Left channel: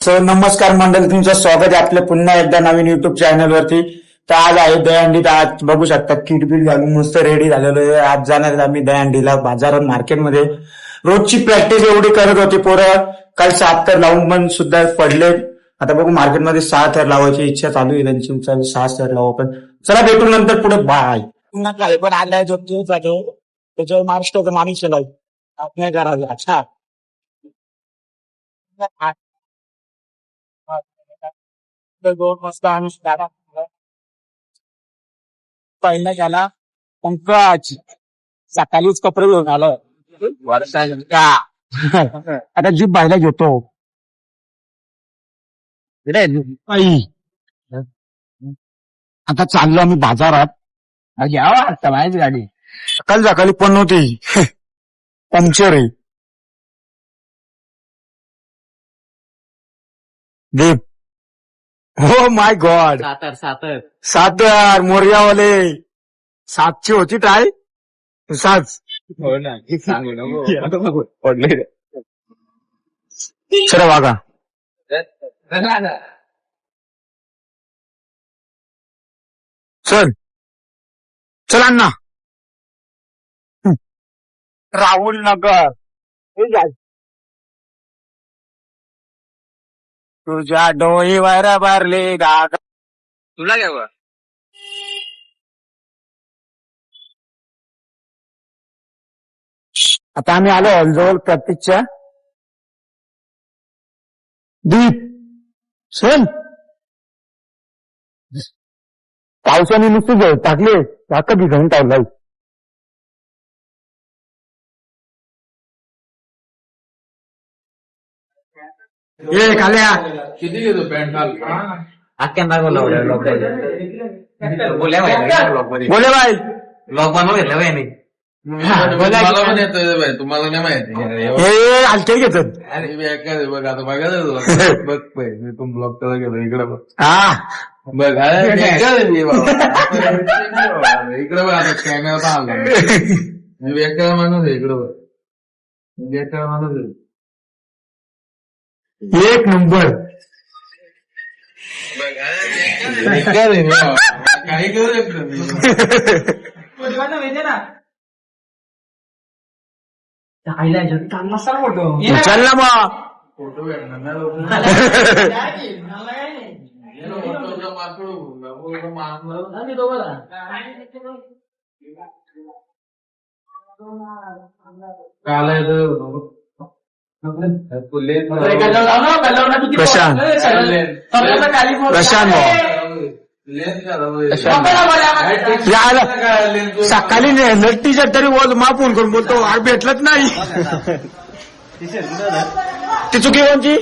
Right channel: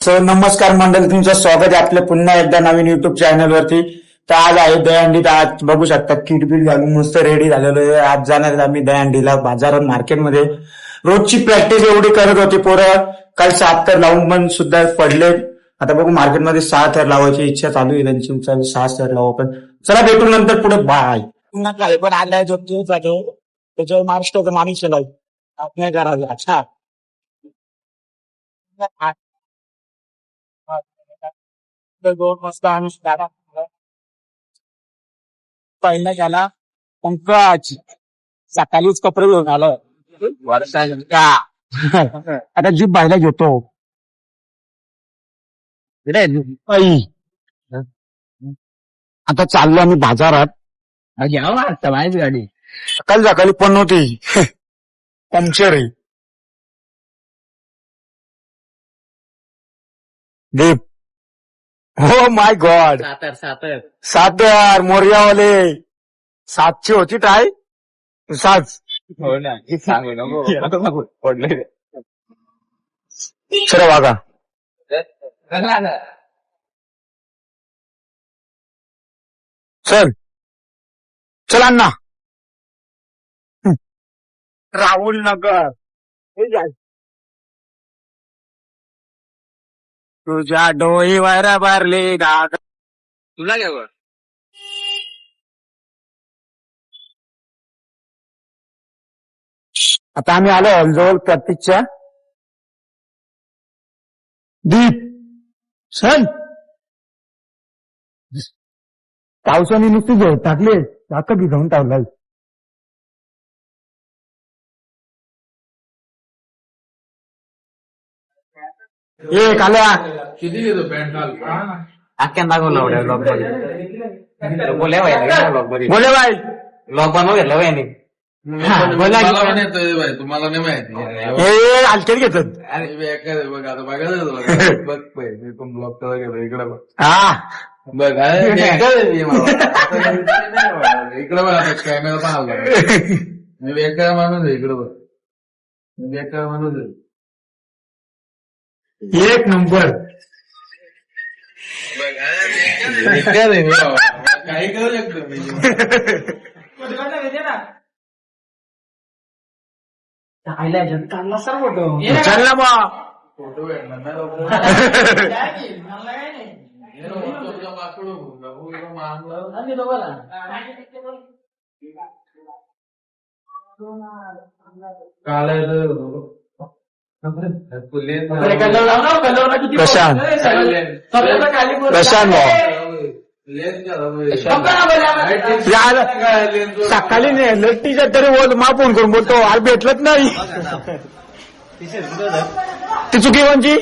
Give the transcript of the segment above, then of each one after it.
Sir नमस्कार मंडळी तुमचं स्वागत आहे आपल्या पुन्हा एकदा नवीन युट्यूब चॅनल वरती. तर आज आहे दहीहंडीत आज बघू शकता किटबिट घालून मस्त रेडी झालेलो आहे. आज जाणार आम्ही दहीहंडीला बाजारात मार्केटमध्ये रोजची प्रॅक्टिस एवढी करत होती पोरं. काल सात तर लावून पण सुद्धा पडले. आता बघू मार्केटमध्ये सहा थर लावायची इच्छा चालू आहे. त्यांची सहा थर लावू आपण चला भेटू नंतर पुढे. बाय पुन्हा काय पण आलाय जो तू जातो त्याच्यावर महाराष्ट्राचा माणूस आपल्या आपण अच्छा. अच्छा दोन वाजता आम्ही दादा पहिला गेला पंकज सकाळीच कपडे घेऊन आलो. आता जीप बायला घेतो. आता चाललो आम्ही बाजारात. घ्यावा आता माझी गाडी. सकाळी सकाळी पण नव्हती. पंक्चर आहे. हो माय गॉड सातर सातर. सात यार मोर्यावाले. सातशे होती टाय सात. हो ना सांगू नको. पडले सर वागा. चल चल. अण्णा. राहुल नगर. तुझ्या डोईवर भरले डाग तुला काय बा आता आम्ही आलो हॉलजवळ प्रतीकच्या. दीप चल. पावसाने नुसते घे टाकले टाक भिजवून टाकलाय ए काल्या किती घेतो पॅन्ट घाल आख्यान दाखवलं बोला बोले बाय लॉक बनवलं बाई मला पण येतोय बाई तुम्हाला नाही माहिती हे हलकेत घेतात आणि मी एका दे बघ आता बघायचं तुला बघ पाय मी पण ब्लॉक करायला गेलो इकडे बघ हा बघ हा, मी दे मी बाबा. इकडे बघ आता कॅमेरा मी बेकार माणूस आहे इकडे बघ मी बेकार माणूस आहे एक नंबर. काही करू शकतो चल ना मग फोटो. काल आहे. प्रशांत. प्रशांत भाऊ. सकाळी नेलं टीचर तरी बोल मा फोन करून बोलतो आज भेटलंच नाही. ती चुकी कोणची?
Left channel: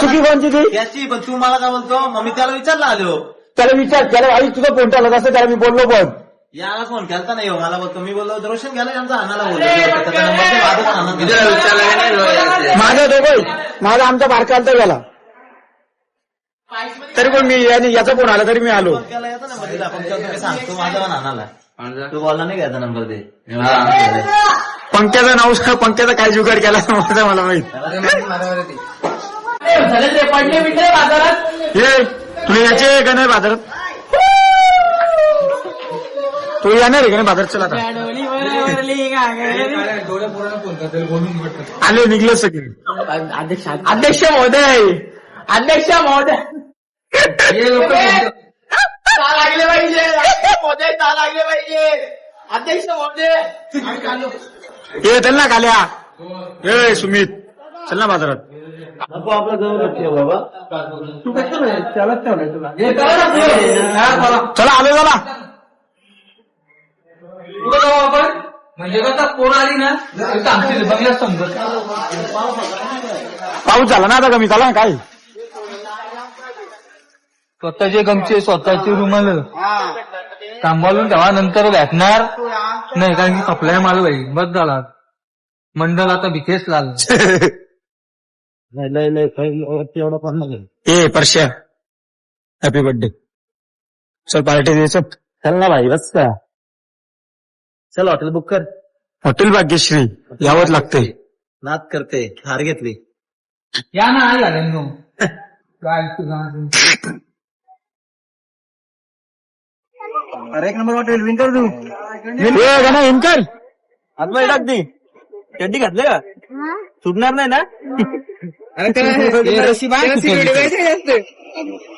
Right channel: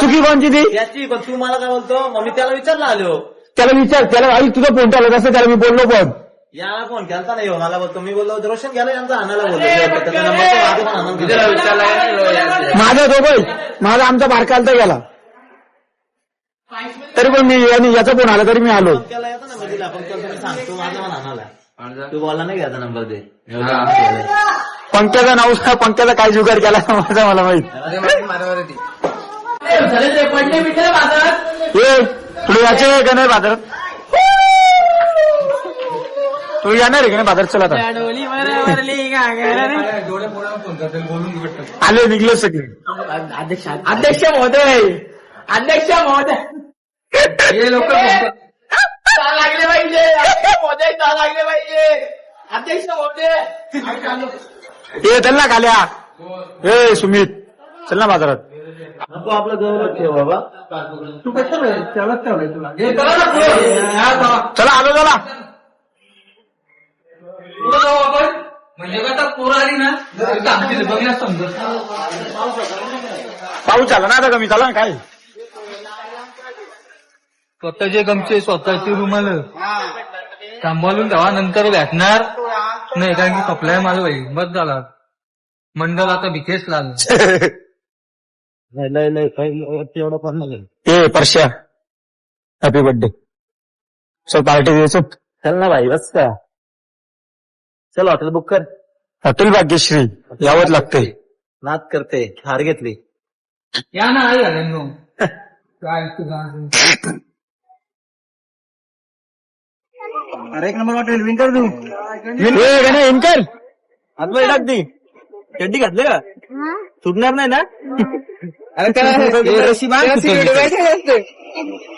चुकी कोणची ती? याची पण तू मला काय बोलतो? मग मी त्याला विचारला आलो. त्याला विचार त्याला आई तुझा फोन आला कसं त्याला मी बोललो पण. याला फोन केलता नाही हो मला बोलतो मी बोललो रोशन गेला यांचा आणायला बोलतो त्याचा नंबर तो माझाच आणून दिला. माझा दोघे माझा आमचा बारकालचा गेला तरी पण मी आणि याचा फोन आला तरी मी आलो. त्याला याचा नंबर दिला. तुम्ही सांग. तू माझा पण आणाला तू बोलला नाही घ्यायचा नंबर दे? मी बोललो, आणून दे. पंक्याचा नाव पंक्याचा काय जुगाड केला माझा मला माहीत. माझी. ये तुला याचे का नाही बाजारात. तू येणार आहे का नाही बाजारात चला आता. आले निघले सगळे. अध्यक्ष महोदय अध्यक्ष महोदय. हे लोक लागले पाहिजे. महोदय लागले पाहिजे. अध्यक्ष महोदय. ये चल ना काल्या. ए सुमित. चल ना बाजारात. नको आपलं जवळच ठेव बाबा. चला आलो चला. म्हणजे कसं पोर आली ना तर आमची बघला समजत. पाऊस झाला ना आता कमी झाला ना काय? स्वतःचे गमचे स्वतःचे रुमाल. सांभाळून ठेवा नंतर भेटणार. नाही कारण की सप्लाय माल भाई बस झाला. मंडळ आता भिकेच लागलं लय लय काही एवढं पण नाही. ए परश्या. हॅपी बर्थडे चल पार्टी चल. ना भाई बस का चल हॉटेल बुक कर. हॉटेल भाग्यश्री यावंच लागतंय. नाद करते हार घेतली. या ना आला काय तुझा अरे एक नंबर वाटेल विंटर तू. इंकर हातमध्ये टाक ती. चड्डी घातले का? सुटणार नाही ना?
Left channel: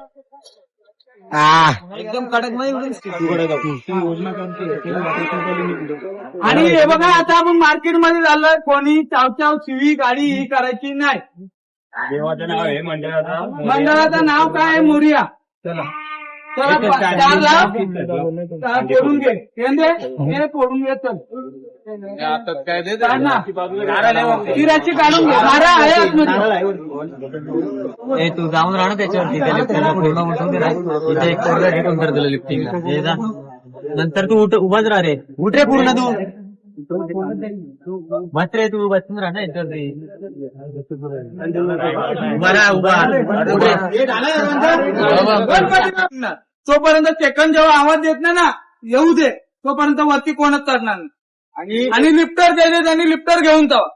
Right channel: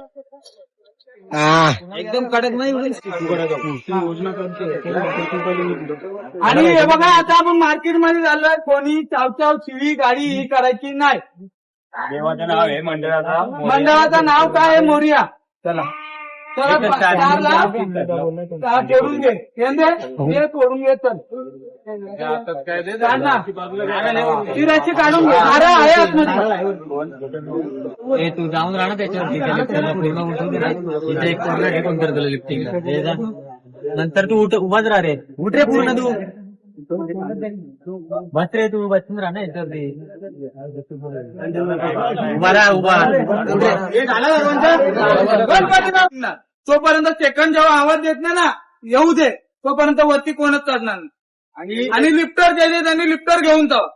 एकदम कडक नाही आणि हे बघा आता आपण मार्केटमध्ये झालं कोणी चावचाव शिवी गाडी ही करायची नाही. देवाचं नाव आहे मंडळाचा मंडळाचं नाव काय आहे? मोरिया. चला. फोडून घे. हे फोडून घे चल. काढून घे. आहे आतमध्ये. ए तू जाऊन राहा ना त्याच्यावरती. त्या पूर्ण तुझं एक पोरगा लिफ्टिंगला हे जा. नंतर तू उठ उभाच राहा रे. उठ रे पूर्ण तू. बस रे तू बसून राहा ना याच्यावर रे उभा राहा उभा. तोपर्यंत सेकंड जेव्हा आवाज देत नाही ना येऊ दे. तोपर्यंत वरती कोणच चढणार नाही. आणि लिफ्टर द्यायचे त्यांनी लिफ्टर घेऊन जावं.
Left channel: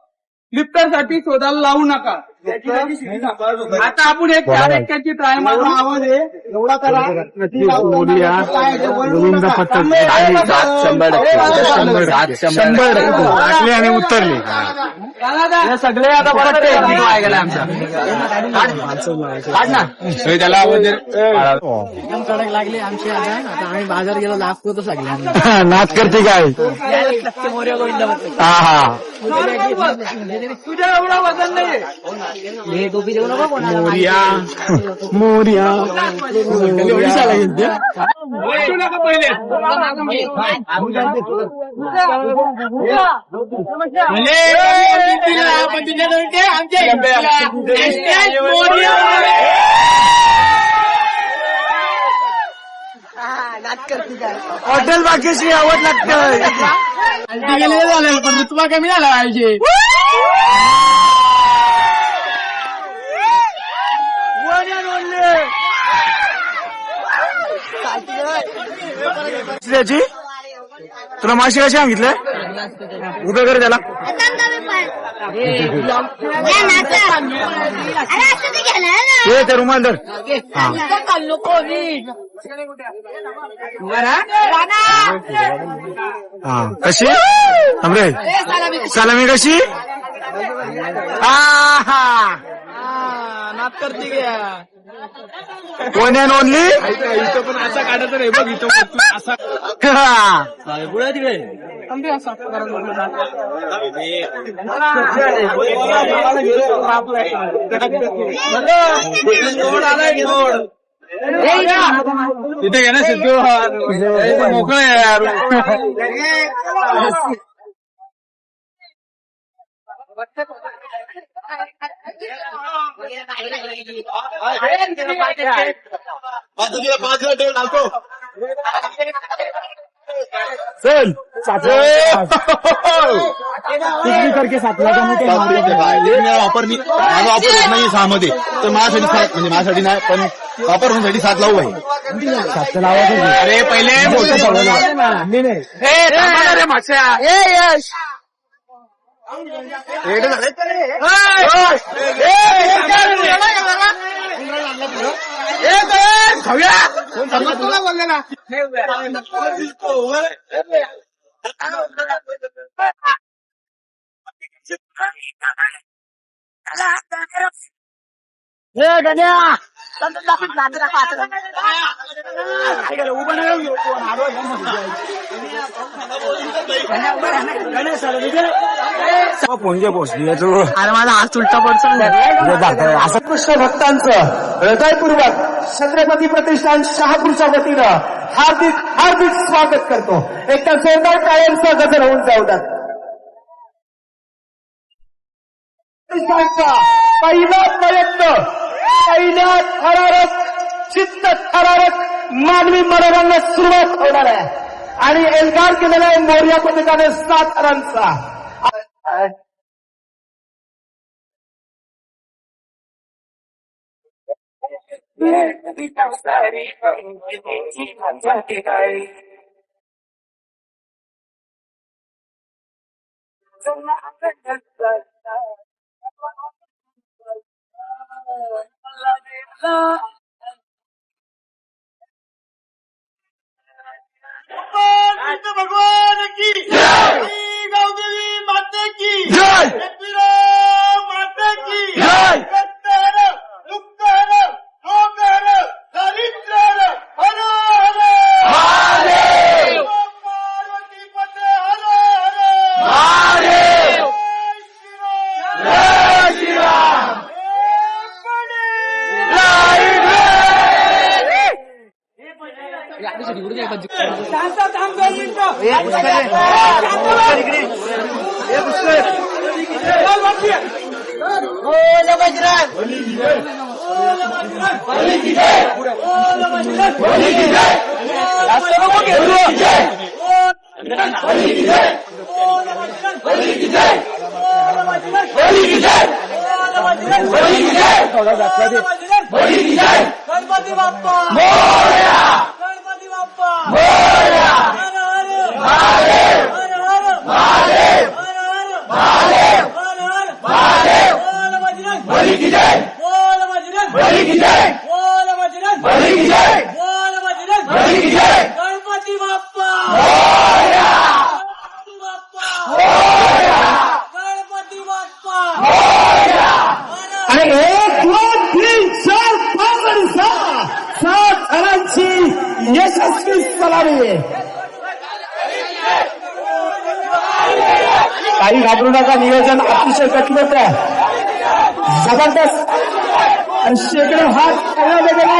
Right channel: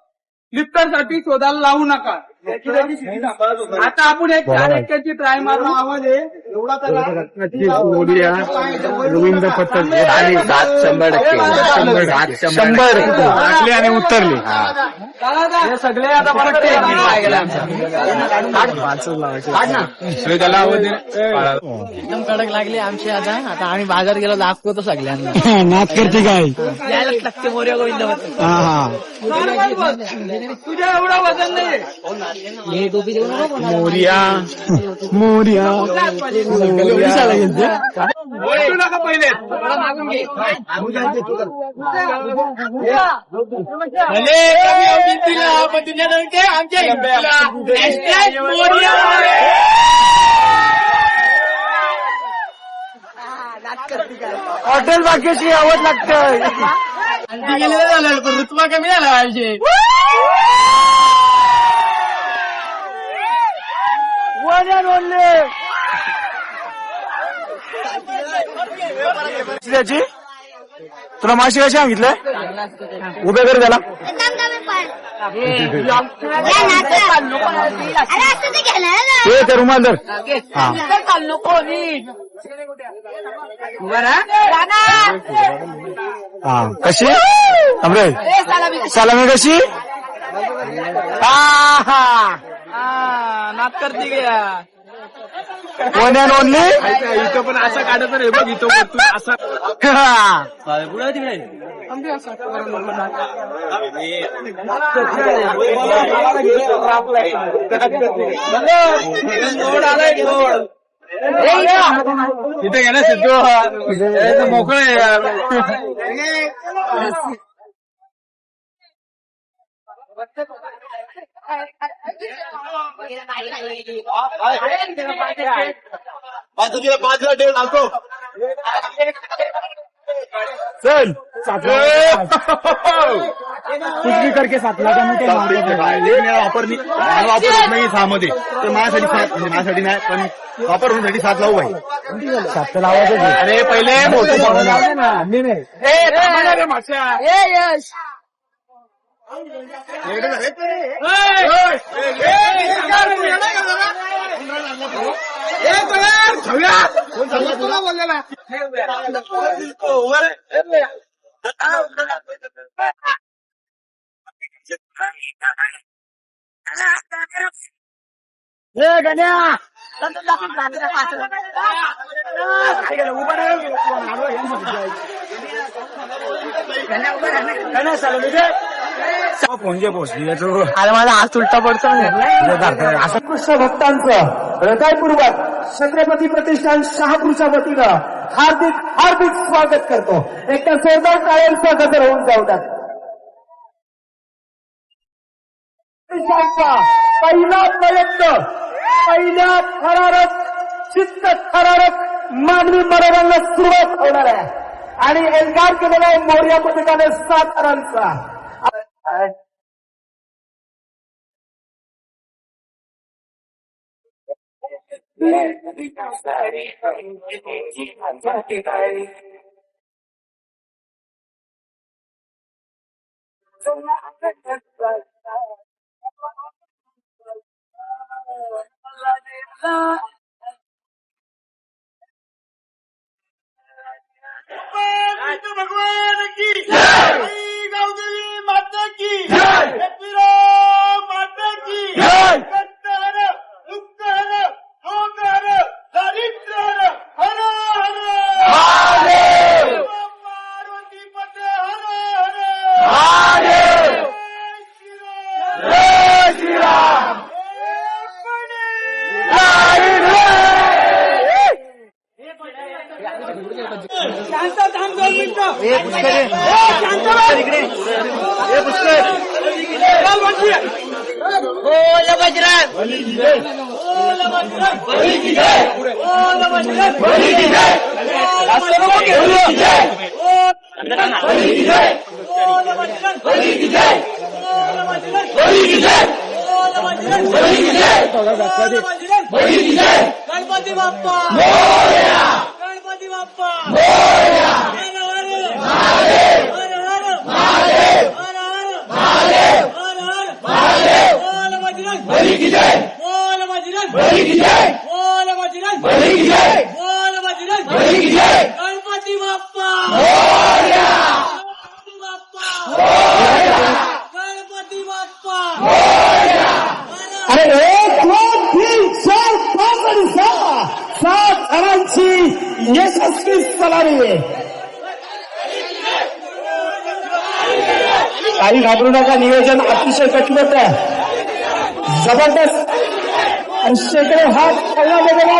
लिफ्टरसाठी शोधायला लावू नका. आता आपण एक चार एक्क्याची ट्राय आवाज आहे एवढा करा. सात शंभर टक्के. शंभर शंभर टक्के. आणि उत्तरली चला जा. सगळे आता गीत वाया आमचा. काढ. काढ ना. त्याला एकदम कडक लागले आमची आता. आता आम्ही बाजार गेलो दाखवतो सगळ्यांना नाच करते काय? टक्के मोर्या गोविंद हा हा. तुझ्या एवढा वजन नाही पहिले. भले कमी दिला पण तुझ्या ते आमच्या हिंदूला मोरया. हॉटेल बाकीची आवड लागतं हल्दी गेलेलं झालं पण रुतबा कमी झाला पाहिजे. त्याची तुला माशी कशी सांगितलंय? उभे कर त्याला. ते घ्यायला ना हे ते रुमाल धर. हा. हा? कशी? थांबरे सलामी कशी? आहा. वन अँड ओनली पण असं काढत रे बघ इथं वरतून असा पुढे तिकडे तिथे घे ना सिद्धू मोकळ आहे यार चल भी करके सातला का मी ते वापरली माझा वापर होत नाही सहा मध्ये तर माझ्यासाठी सात म्हणजे माझ्यासाठी नाही पण वापर होण्यासाठी सात लावू भाई सातचं लावायचं. अरे पहिले मोठं सवाल आहे. ए, थांबा ना रे मागच्या. फोन पोचली तू अरे माझा आज उलटा पडतो असं कृष्ण भक्तांचं हृदयपूर्वक छत्रपती प्रतिष्ठान शहापूरच्या वतीनं हार्दिक हार्दिक स्वागत करतो एकदा जोरदार टाळ्यांचा गजर होऊन जाऊ द्या प्रतिष्ठानचा पहिला प्रयत्न पहिल्या थरारक चित्त थरारक मानवी मराठ्यांना सुरुवात होणार आहे. आणि एल्गार केलेला आहे या पथकाने सात रनचा. भगवान की गावदेवी माता की माता की कत्तर दुःखर शोकर दरिद्र हर हर पार्वती पते हर हर जय श्रीराम गणपती बाप्पा गणपती बाप्पा हर हर महादेव हर हर महादेव हर हर महादेव हर हर बोल की जय बोल बजरंग बली की जय बोल बजरंग बली की जय बोल बजरंग बली की जय गणपती बाप्पा गणपती बाप्पा गणपती बाप्पा अरे एक दोन तीन चार पाच आणि सहा सात घरांची यशस्वी सलामी काही घाबरू नका नियोजन अतिशय कठीण आहे जबरदस्त आणि शेकडो हात खाल्ला गेला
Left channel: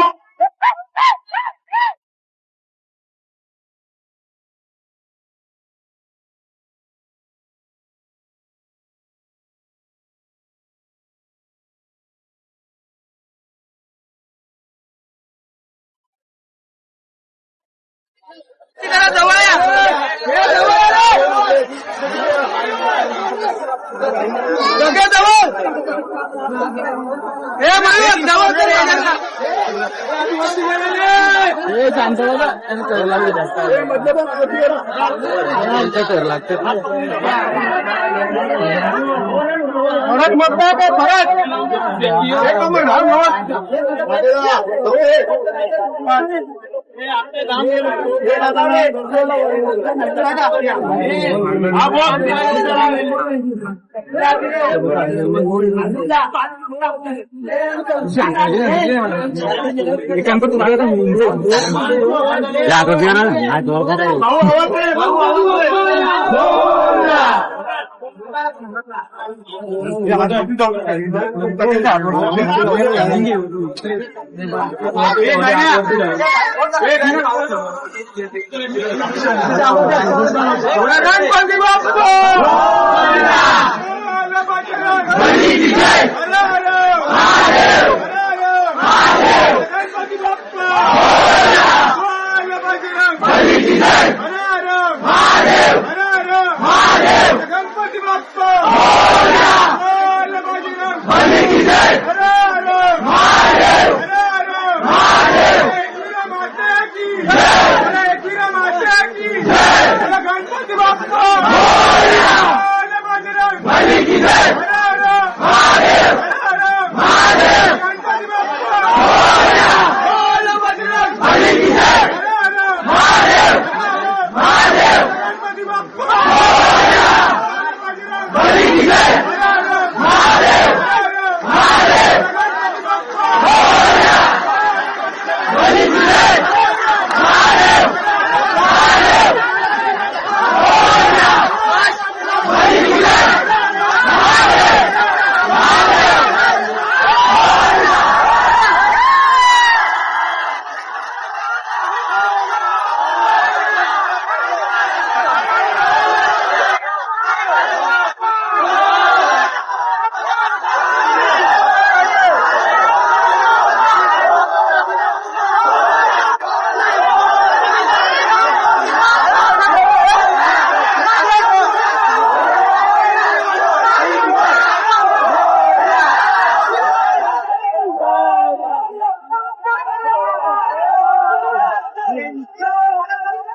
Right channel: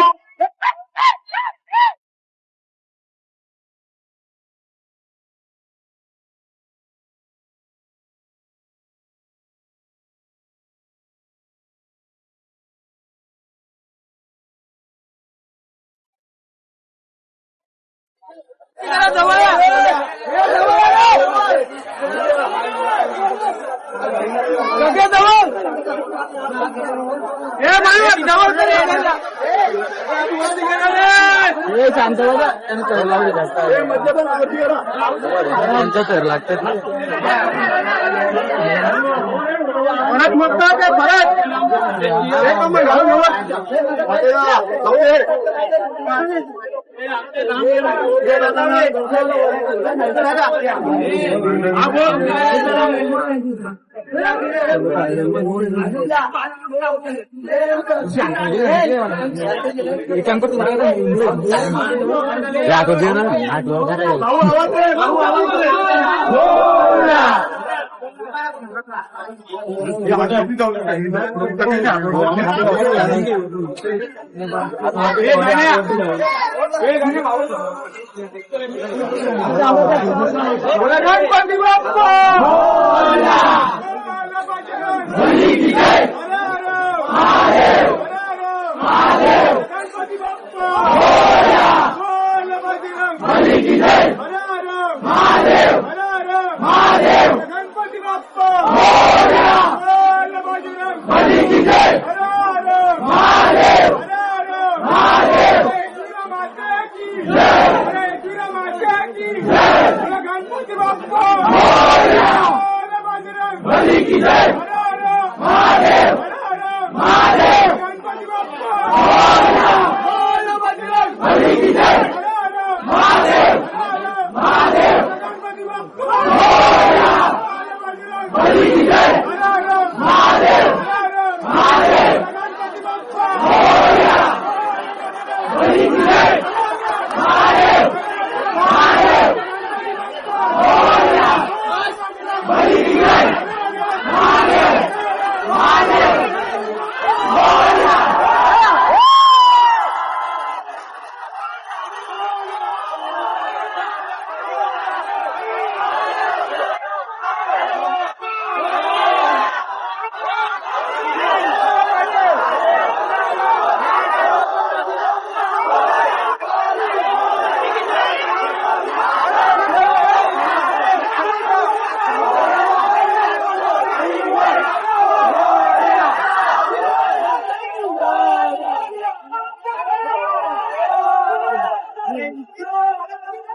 भरत मोठा का भरत एक नंबर घालून भाऊ आवाज दे, भाऊ आवाज दे. गणपती गणपती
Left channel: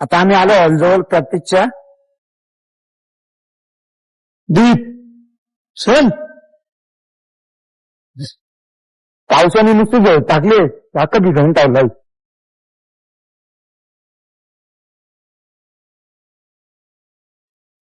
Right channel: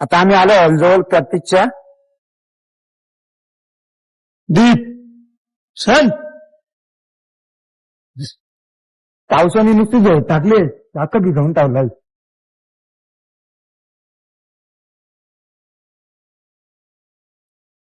आता आम्ही आलो हॉलजवळ प्रतीकच्या. दीप. सण पावसाने नुसते टाकले. टाकत घंटा लाइट